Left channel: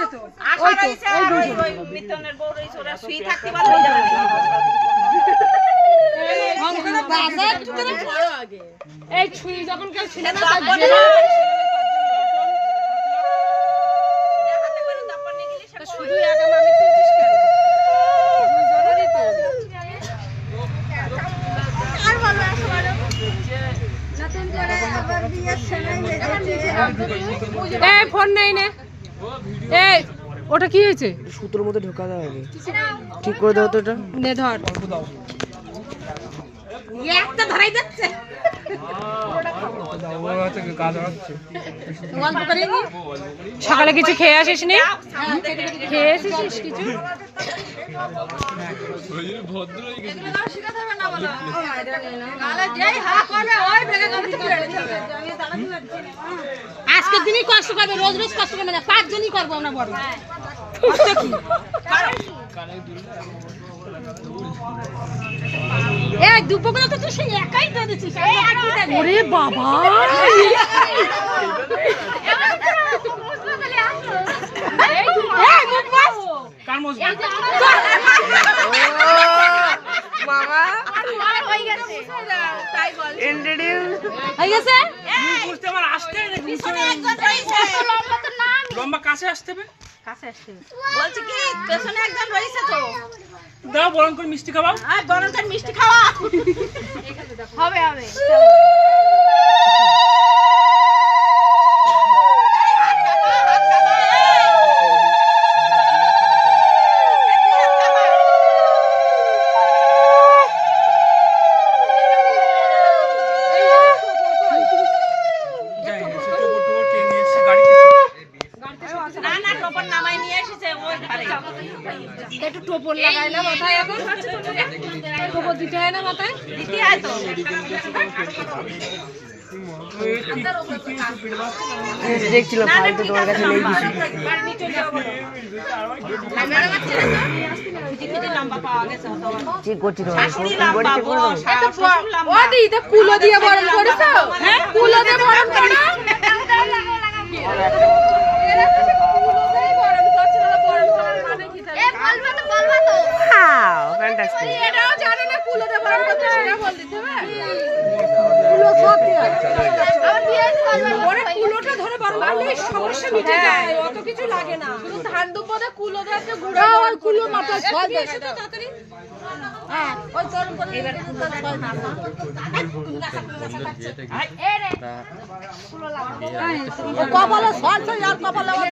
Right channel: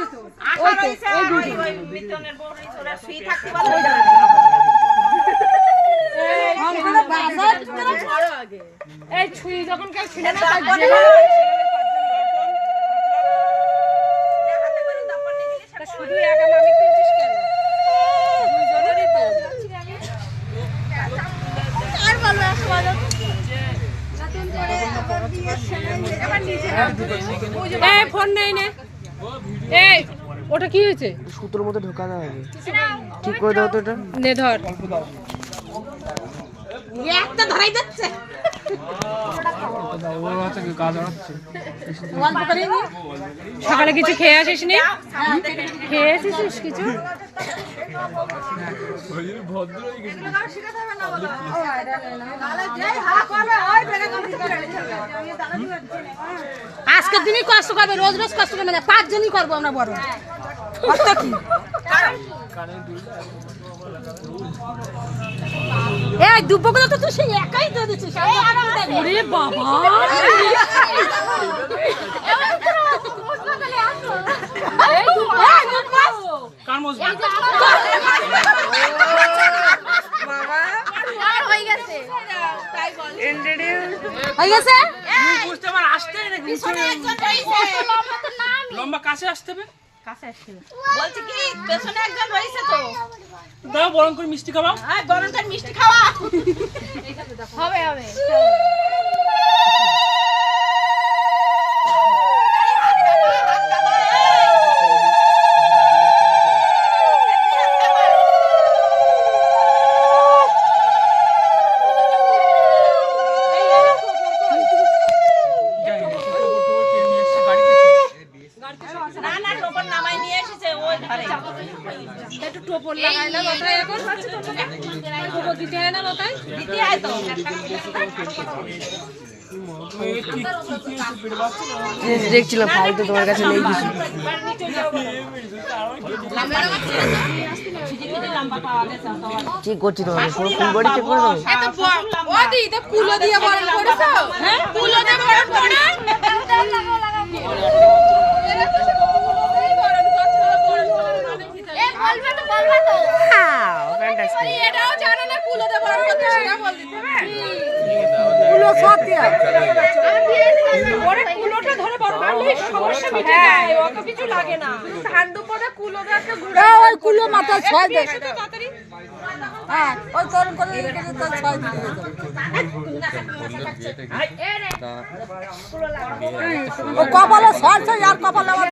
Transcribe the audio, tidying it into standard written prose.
হয়েছে তো, ওই তো ওই মিতনের বড় ছোরা শুই থাকতে পারে এই ছুঁই যখন কেউ ছিল না তার শুধু একা মামি তুলছিস কেন? দুইজনেরই তো আর বললো এই ফোন নেই নে। এই ওটা কি হয়েছে? সুতোর মধ্যে ঢোকানো হবে, ঠিক করে দাও তো এটা। নে ধর, একটা ধরাই যাচ্ছে। সকালে কিছু খেয়ে আসিস নি? খেয়ে এসেছিস কিছু? আজকের দিনই কষ্ট করবে, রোজ রোজ কষ্ট করবে না, 5 জনই করবো আমরা বড়। এই দুপুরগুলো তো তুই সেই একাই দিয়ে দিচ্ছিস। ওরে বাবা, লম্বা কাছে আসতে হবে, বলছি কি পেছনে একজন রয়েছে তো, দাও বরণ করে মিষ্টি খাওয়া। বরণ করে মিষ্টি খাওয়া হবে হবে। একটু টোপর লাগাই না মাথায়, এখন টোপর দিতে হয় না মাথায়, দিতে হয় তো। দেখছিলাম ফাইলটা তোমার কাছে নেই কিছু। চেক করছি তোমার পুরো ফুল বডি চেক করে দাও। ও দি তো কুলো দিয়ে বরণ করেছো? হ্যাঁ কুলো দিয়ে বরণ করে না। এটাও জানে না কুলো দিয়ে বরণ করতে, সেটা বল দিতে হবে। কুলো সত্যি ওরে কুলোটা ধরে বরণ করলে সমস্যা মিটে যায়, অত কিছু লাগে না। শুধু ধান দুপদে কুলো দিয়ে একটা গুড়া ওই কুলো মাথায় ছয় দেয় তাড়াতাড়ি। হ্যাঁ ওই করন করে এটা তো ছয় দিতে ও কপালে ছয় আর কপালে